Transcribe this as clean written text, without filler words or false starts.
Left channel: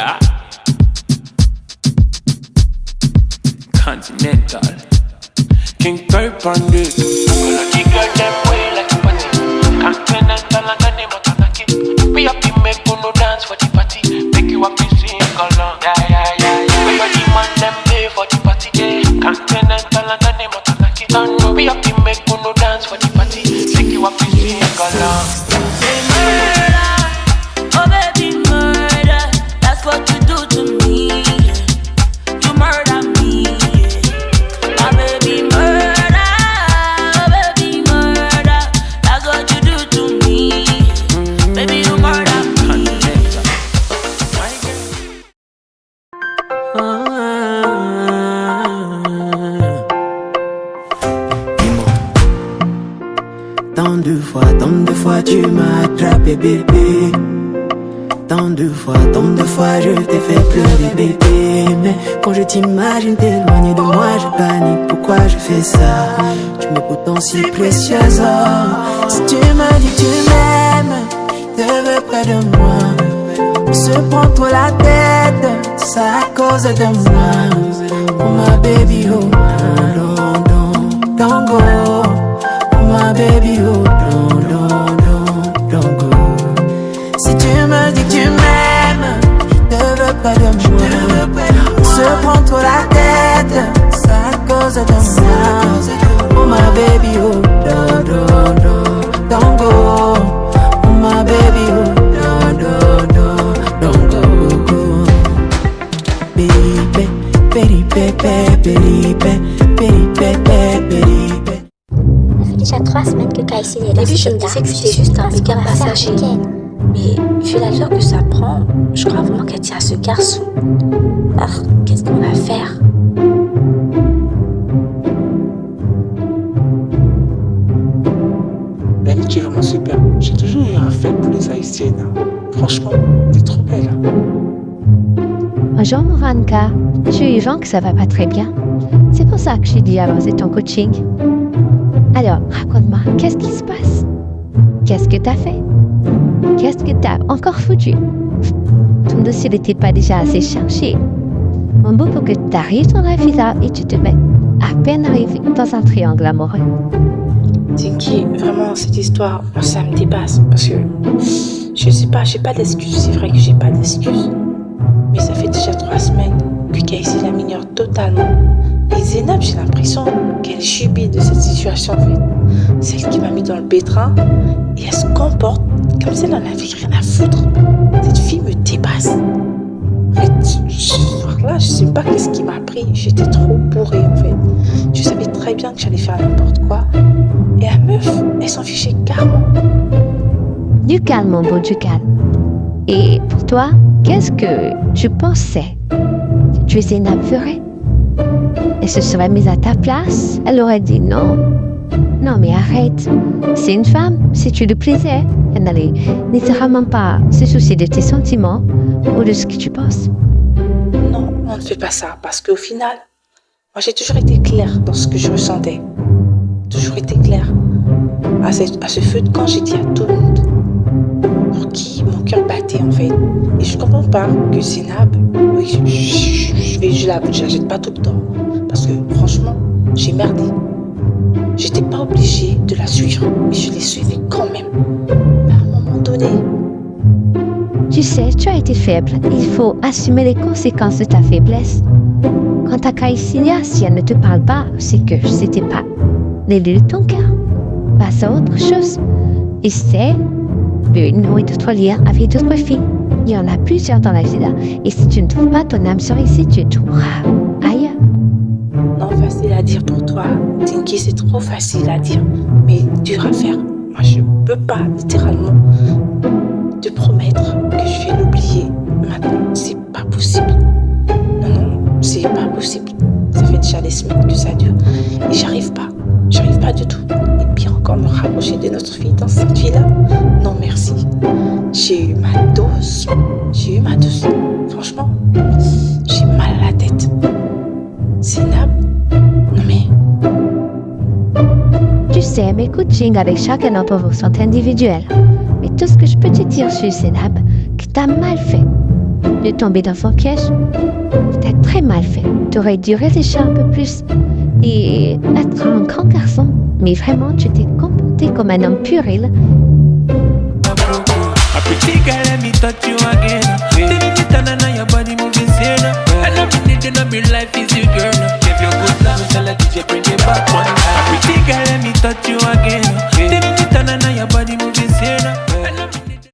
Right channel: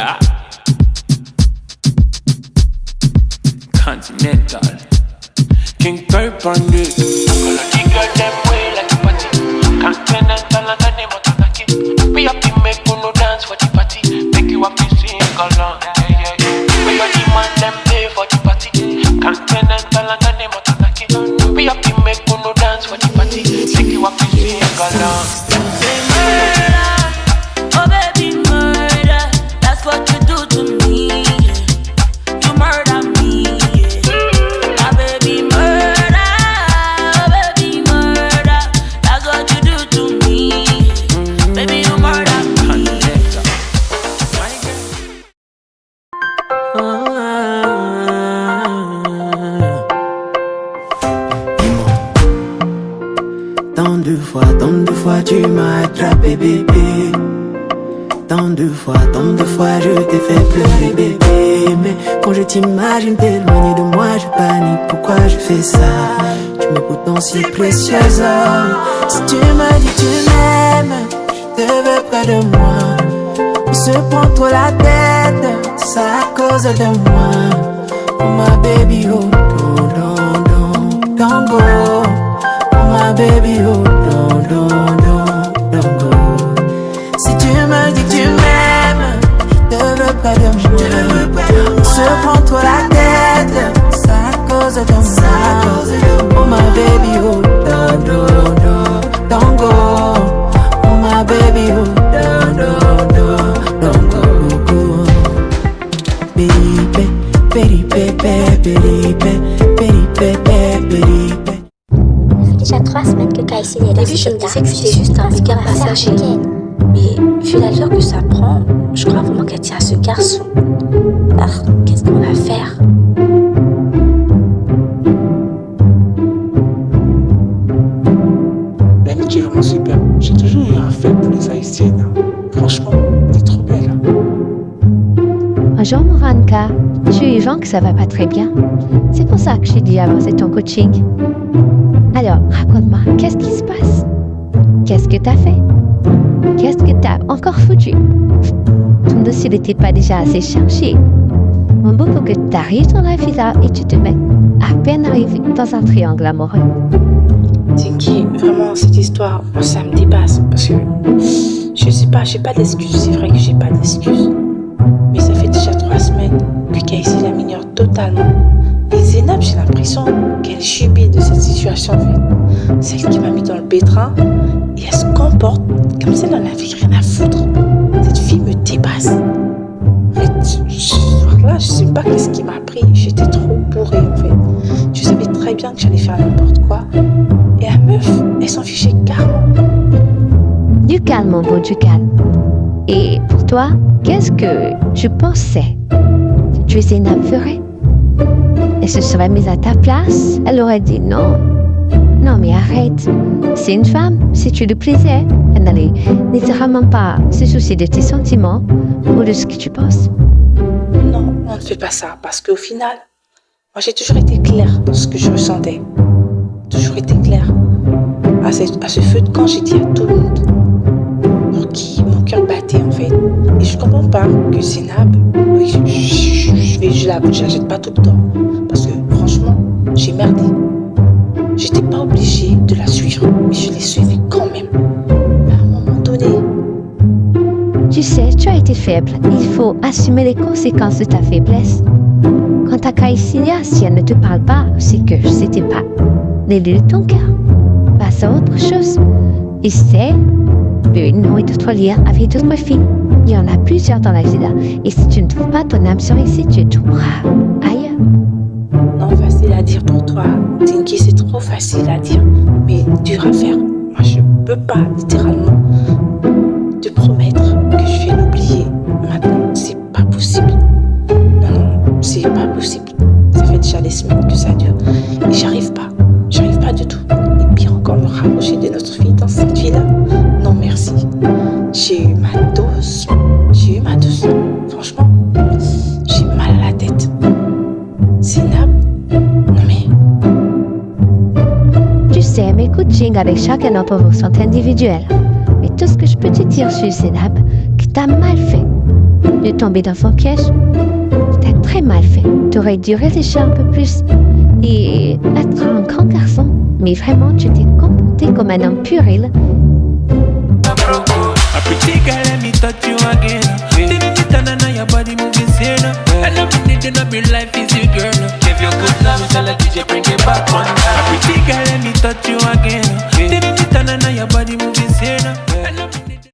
Yeah. Continental. King Perp on this. Apology girl, them way like a party. Continental and the name of Tanaki. We happy make no dance for the party. Make you happy sing along. We got the man, them pay for the party. Continental and the name of Tanaki. We happy make no dance for the party. Make you happy sing along. Say murder, oh baby murder. That's what you do to me. You murder me. My baby murder, oh baby murder. That's what you do to me. Baby you murder me. Dis-moi, tant de fois tu m'as attrapé bébé. Tant de fois je t'ai fait pleurer bébé. Mais quand je t'imagine t'éloigner de moi, je panique, pourquoi je fais ça? Tu m'es pourtant si précieuse, oh. Si tu me dis que tu m'aimes, je te veux près de moi. On se prend trop la tête, c'est à cause de moi. Oh my baby, oh, don't go. Oh my baby, oh, don't go. Si tu me dis que tu m'aimes, je te veux près de moi. On se prend trop la tête, c'est à cause de moi. Oh my baby, oh, don't go. Oh my baby, oh, don't go. Peripe. Ça fait déjà 3 semaines que Kaïssi est là. Au début, je me disais que c'était juste un regard passager. Mais vu l'allure que ça prend, je crois vraiment qu'elle tient à ce garçon. Alors, qu'est-ce qu'on va faire? Dani, tu es vraiment super. J'ai toujours eu un fait pour les Haïtiennes. Franchement, t'es trop belle. Bonjour Moranka, je suis Jean que ça va pas très bien. C'est pour ça que j'ai dit avancer ton coaching. Alors, raconte-moi, qu'est-ce qui se passe? Qu'est-ce que t'as fait? Qu'est-ce que t'as encore foutu? Ton dossier n'était pas déjà assez chargé. Mon beau, pour que t'arrives dans la villa et tu te mets à peine arrivé dans un triangle amoureux. Tinky, vraiment, cette histoire, moi, ça me dépasse. Parce que, je sais pas, j'ai pas d'excuses. C'est vrai que j'ai pas d'excuses. Mais ça fait déjà 3 semaines que Kaïssi la m'ignore totalement. Et Zénab, j'ai l'impression qu'elle subit de cette situation, en fait. Celle qui m'a mis dans le pétrin. Et elle se comporte comme si elle en avait rien à foutre. Cette fille me dépasse. En fait, ce soir-là, je sais pas qu'est-ce qui m'a pris. J'étais trop bourrée, en fait. Je savais très bien que j'allais faire n'importe quoi. Et la meuf, elle s'en fichait carrément. Du calme, mon beau, du calme. Et pour toi, qu'est-ce que je pensais que tu Zénab ferait? Elle se serait mise à ta place. Elle aurait dit non. Non, mais arrête. C'est une femme. Si tu lui plaisais, elle n'allait littéralement pas se soucier de tes sentiments ou de ce que tu penses. Non, on ne fait pas ça. Parce qu'au final, moi j'ai toujours été claire dans ce que je ressentais. Toujours été claire. À ce feu de camp, j'ai dit à tout le monde. Pour qui mon cœur battait en fait. Et je comprends pas que Zénab, oui, je la jette pas tout le temps. Parce que franchement, j'ai merdé. J'étais pas obligée de la suivre, mais je l'ai suivie quand même. Mais à un moment donné. Tu sais, tu as été faible. Il faut assumer les conséquences de ta faiblesse. Quant à Kaïssia, si elle ne te parle pas, c'est que c'était pas l'élu de ton cœur. Passe à autre chose. Et c'est une ou d'autres liens avec d'autres filles. Il y en a plusieurs dans la villa. Et si tu ne trouves pas ton âme sœur ici, tu trouveras ailleurs. Non, facile à dire pour toi. Tinky, c'est trop facile à dire. Mais dur à faire. Moi, je peux pas, littéralement, te promettre que je vais l'oublier. Maintenant, c'est pas possible. Non, c'est pas possible. Ça fait déjà des semaines que ça dure. Et j'arrive pas. J'arrive pas du tout. Et pire encore, me rapprocher de notre fille dans cette vie-là. Non, merci. J'ai eu ma dose. Franchement, j'ai mal à la tête. Zénab, non mais... Tu sais, mes coachings avec chacun d'entre vous sont individuels. Mais tout ce que je peux te dire sur Zénab, que t'as mal fait. de tomber dans son piège. T'as très mal fait. T'aurais dû réfléchir un peu plus et être un grand garçon. Mais vraiment, tu t'es comporté comme un homme puéril. A pretty girl, let me touch you again. Tinny your body moving sane. And every need in my life is you, girl. Give you good love, tell the DJ bring it back one time. A pretty girl, let me touch you again.